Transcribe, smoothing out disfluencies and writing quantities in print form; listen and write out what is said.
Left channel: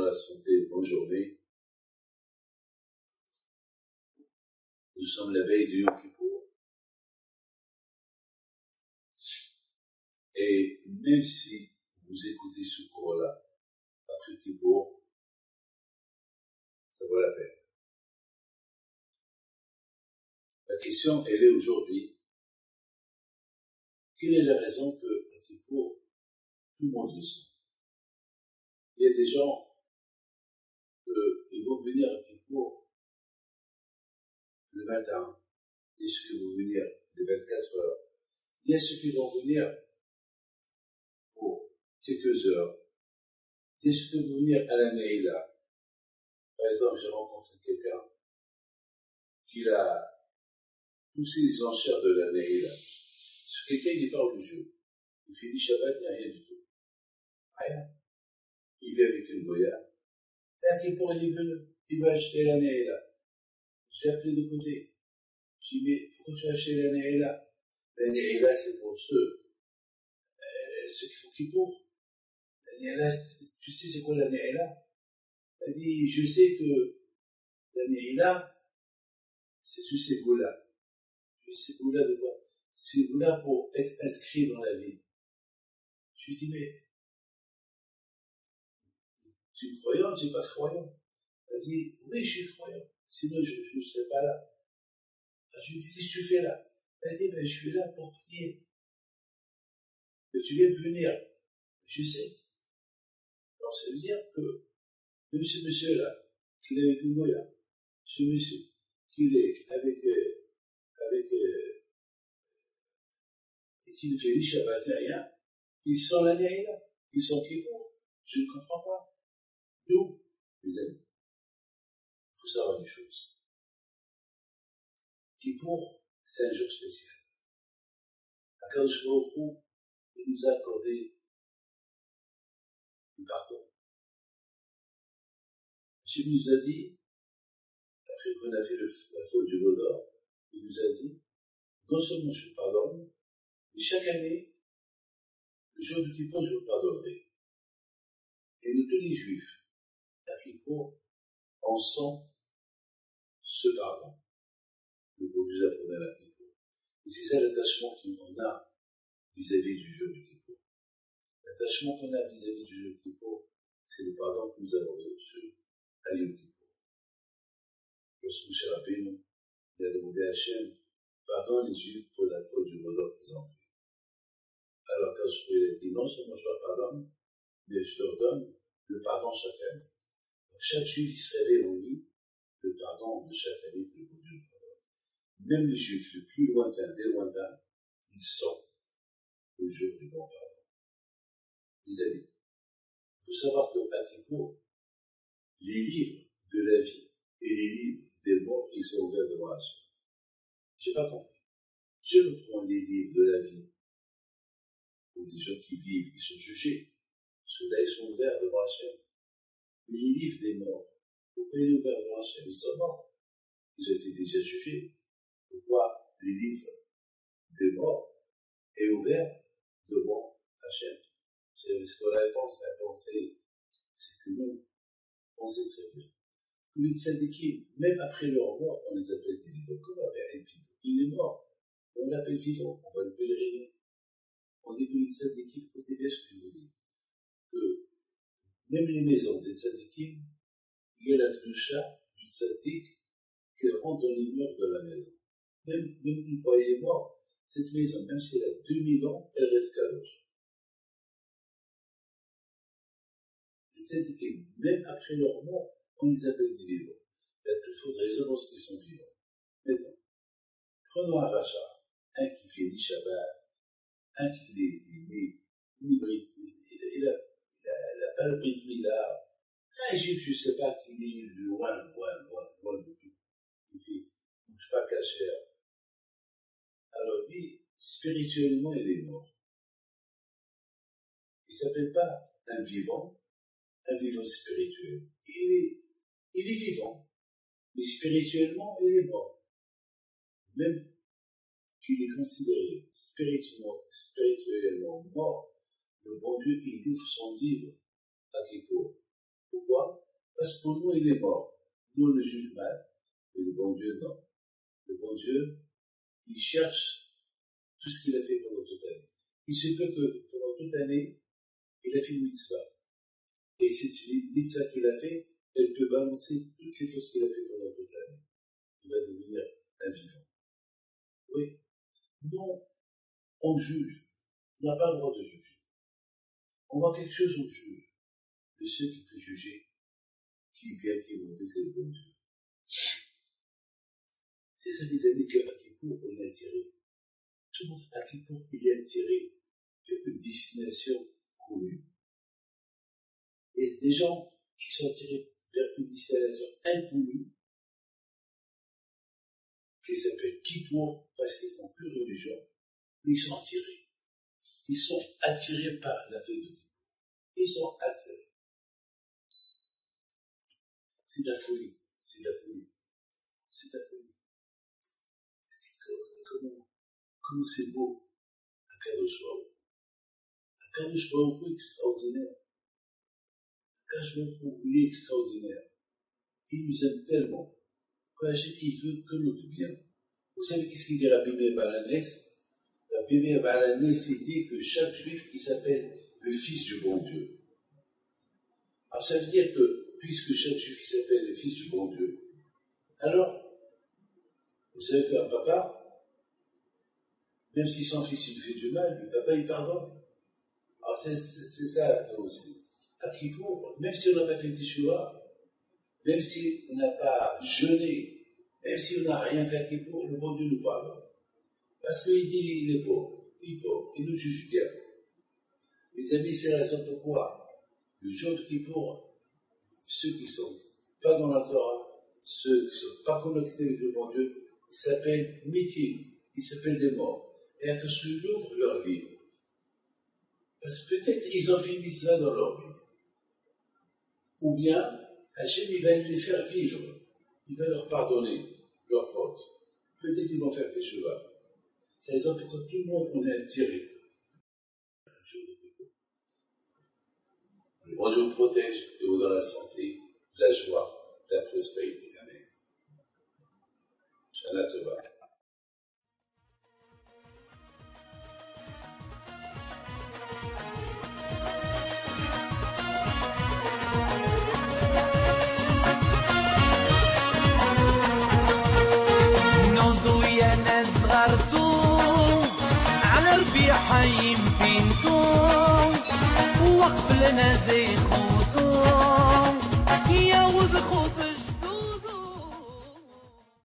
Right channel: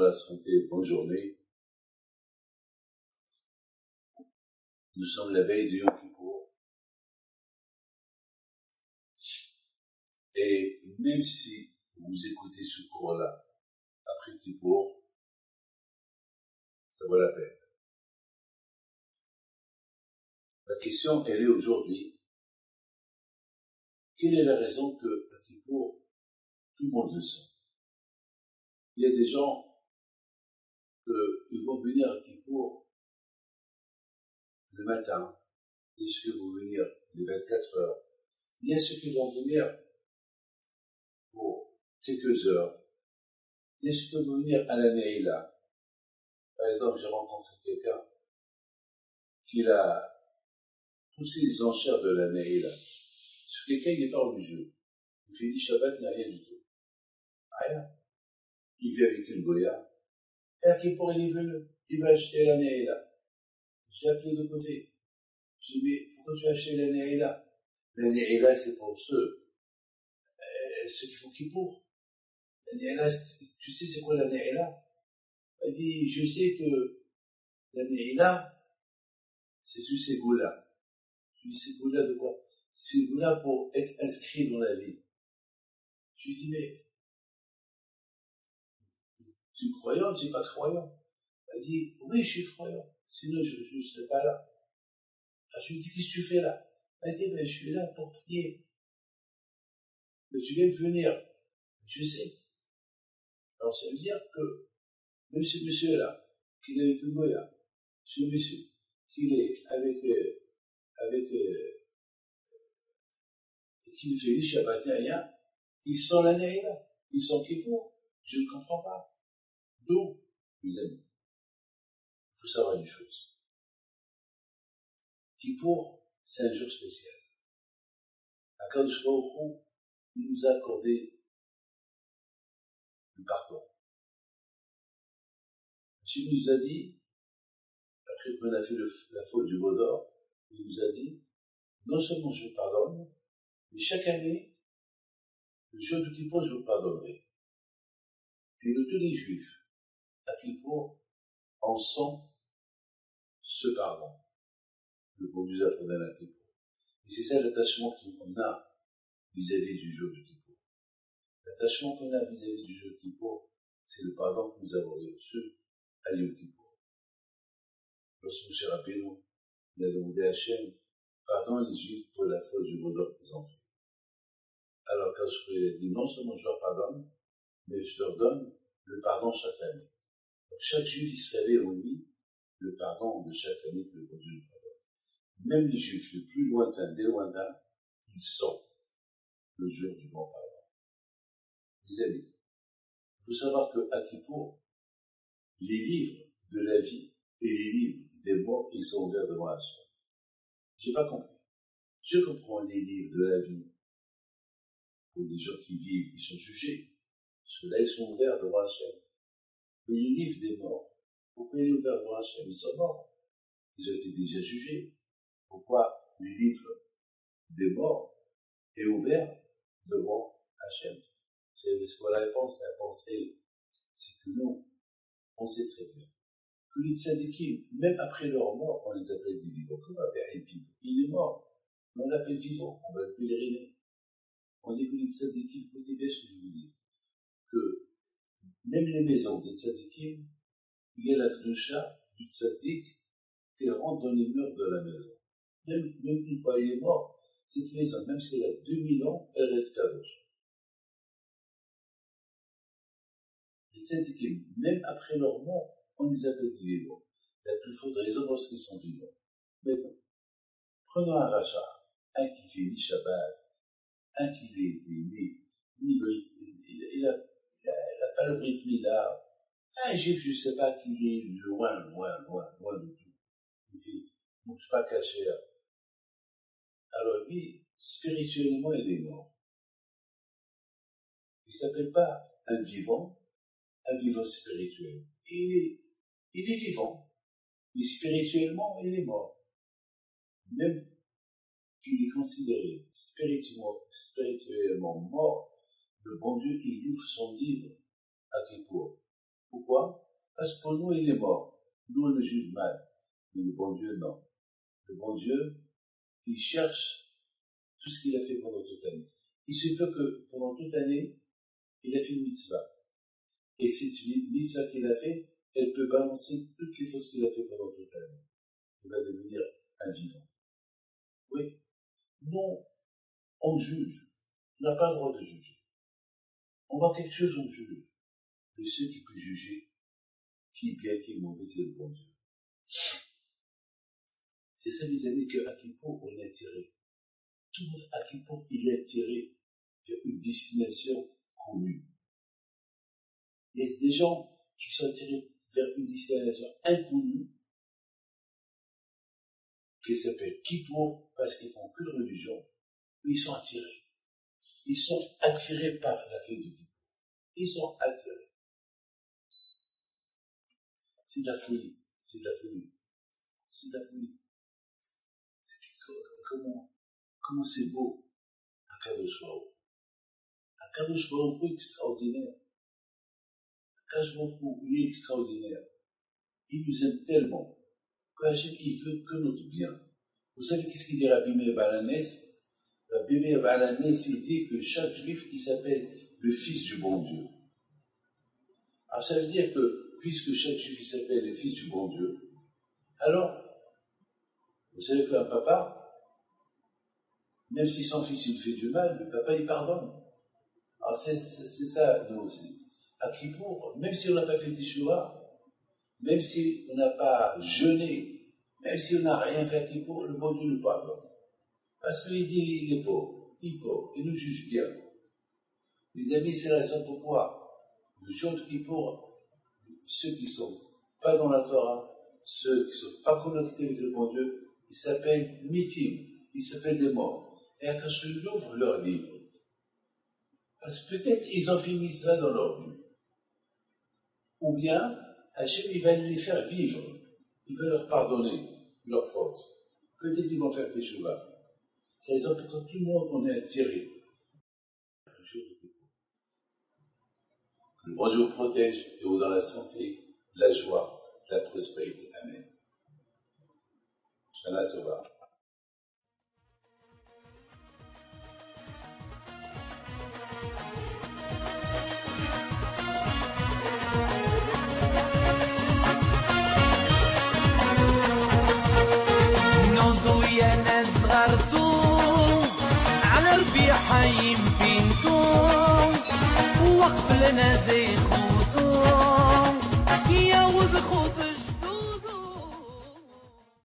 dans la santé, bonne journée. Nous sommes la veille de Yom Kippour. Et même si vous écoutez ce cours-là, après Kippour, ça vaut la peine. La question, elle est aujourd'hui, quelle est la raison que à Kippour, tout le monde le sent? Il y a des gens qui vont venir à Kippour le matin, il y a ceux qui vont venir les 24 heures, il y a ceux qui vont venir pour quelques heures, il y a ceux qui vont venir à la Neila. Par exemple, j'ai rencontré quelqu'un qui a poussé les enchères de la Neila. Ce quelqu'un, il n'est pas religieux. Il fait du Shabbat, il n'y a rien du tout. Rien. Il vit avec une goya. Et à Kippour, il est venu. Il va acheter la Neila. Je l'ai appelé de côté. Je lui ai dit, mais pourquoi tu as acheté la Neila? La Neila, c'est pour ceux qui font Kippour. La Neila, tu sais c'est quoi la Neila? Elle dit, je sais que la Neila, c'est sur ces goûts-là. Je lui ai dit, ces goûts-là de quoi? Ces goûts-là pour être inscrit dans la vie. Je lui ai dit, mais tu es croyant, tu n'es pas croyant? Elle dit, oui, je suis croyant. Sinon, je ne serais pas là. Alors, je lui ai dit, qu'est-ce que tu fais là? Elle dit, ben, je suis là pour prier. Mais tu viens de venir. Je sais. Alors, ça veut dire que, même ce monsieur-là, qu'il est avec une goya, ce monsieur, qu'il est avec qui ne fait ni Shabbat ni rien, ils sont la Neila, ils sont Kippour. Je ne comprends pas. D'où, mes amis, il faut savoir une chose. Kippour, c'est un jour spécial. Akadosh Baruch Hu, il nous a accordé le pardon. Dieu nous a dit, après qu'on a fait la faute du veau d'or, il nous a dit, non seulement je vous pardonne, mais chaque année, le jour de Kippour, je vous pardonnerai. Et nous, tous les Juifs, à Kippour, on sent ce pardon. Le bon Dieu a pardonné à Kippour. Et c'est ça l'attachement qu'on a vis-à-vis du jour du Kippour. L'attachement qu'on a vis-à-vis du jour du Kippour, c'est le pardon que nous avons reçu à Yom Kippour. Lorsque Moshe Rabbeinu, il a demandé à Hachem, pardonne les Juifs pour la faute du veau d'or qu'ils ont fait. Alors quand je a dit, non seulement je leur pardonne, mais je leur donne le pardon chaque année. Donc chaque Juif, il se réveille en lui le pardon de chaque année que le bon Dieu nous pardonne. Même les Juifs les plus lointains, des lointains, ils sont le jour du bon pardon. Mes amis, il faut savoir qu'à Kippour, les livres de la vie et les livres des morts, ils sont ouverts devant Hachem. J'ai pas compris. Je comprends les livres de la vie. Pour les gens qui vivent, ils sont jugés. Ceux-là, ils sont ouverts devant Hachem. Mais les livres des morts, pourquoi ils sont ouverts devant Hachem? Ils sont morts. Ils ont été déjà jugés. Pourquoi les livres des morts est ouvert devant Hachem? C'est quoi la réponse? La réponse est, c'est que nous, on sait très bien que les tzadikim, même après leur mort, on les appelle des vivants. Comme Abraham Pino, il est mort, mais on l'appelle vivant, on va le pèleriner. On dit que les tzadikim, écoutez bien ce que je vous dis, que même les maisons des tzadikim, il y a la kdusha du tzadik qui rentre dans les murs de la maison. Même une fois il est mort, cette maison, même si elle a 2000 ans, elle reste kadosh. Les tzadikim, même après leur mort, on les appelle des vivants. La plus forte raison lorsqu'ils sont vivants. Mais non. Prenons un rachat, un qui fait ni Shabbat, un qui est né, ni Brit, il a pas le Brit Mila, un juif, je ne sais pas qu'il est loin de tout. Il fait, mange pas cachère. Alors lui, spirituellement, il est mort. Il ne s'appelle pas un vivant spirituel. Il est vivant, mais spirituellement, il est mort. Même qu'il est considéré spirituellement mort, le bon Dieu, il ouvre son livre à Kippour. Pourquoi? Parce que pour nous, il est mort. Nous, on le juge mal. Mais le bon Dieu, non. Le bon Dieu, il cherche tout ce qu'il a fait pendant toute l'année. Il se peut que pendant toute l'année, il a fait une mitzvah. Et cette mitzvah qu'il a fait, elle peut balancer toutes les fautes qu'il a fait pendant toute l'année. Il va devenir un vivant. Oui. Non, on juge. On n'a pas le droit de juger. On voit quelque chose, on juge. Mais ceux qui peuvent juger, qui est bien, qui est mauvais, c'est le bon Dieu. C'est ça, mes amis, qu'à Kippour, on est attiré. Tout le monde, à Kippour, il est attiré vers une destination connue. Il y a des gens qui sont attirés vers une destination inconnue, qui s'appelle Kippour, parce qu'ils font qu'une religion, mais ils sont attirés. Ils sont attirés par la fête de Kippour. Ils sont attirés. C'est de la folie. C'est de la folie. C'est de la folie. Comment c'est beau, Akadosh Baruch Hu. Akadosh Baruch Hu est extraordinaire. Akadosh Baruch Hu, il est extraordinaire. Il nous aime tellement. Il veut que notre bien. Vous savez qu'est-ce qu'il dit Rabbi Meir Baal HaNes? Rabbi Meir Baal HaNes, il dit que chaque juif, il s'appelle le fils du bon Dieu. Alors ça veut dire que, puisque chaque juif, il s'appelle le fils du bon Dieu, alors, vous savez qu'un papa, même si son fils il fait du mal, le papa il pardonne. Alors c'est ça nous aussi. À Kippour, même si on n'a pas fait Teshuvah, même si on n'a pas jeûné, même si on n'a rien fait à Kippour, le bon Dieu nous pardonne. Parce qu'il dit il est pauvre, il nous juge bien. Mes amis, c'est la raison pourquoi le jour de Kippour, ceux qui ne sont pas dans la Torah, ceux qui ne sont pas connectés avec le bon Dieu, ils s'appellent mitim, ils s'appellent des morts. Et à que je ouvre leur livre. Parce que peut-être ils ont fait une mitzvah dans leur vie. Ou bien, Hachem, il va les faire vivre. Il va leur pardonner leurs fautes. Peut-être ils vont faire Teshuvah. C'est la raison pour laquelle tout le monde, on est attiré. Le bon Dieu vous protège et vous dans la santé, la joie, la prospérité. Amen. Shana Tova. على ربيع يمكنتو وقف لنا زي خوتو يا وز خوت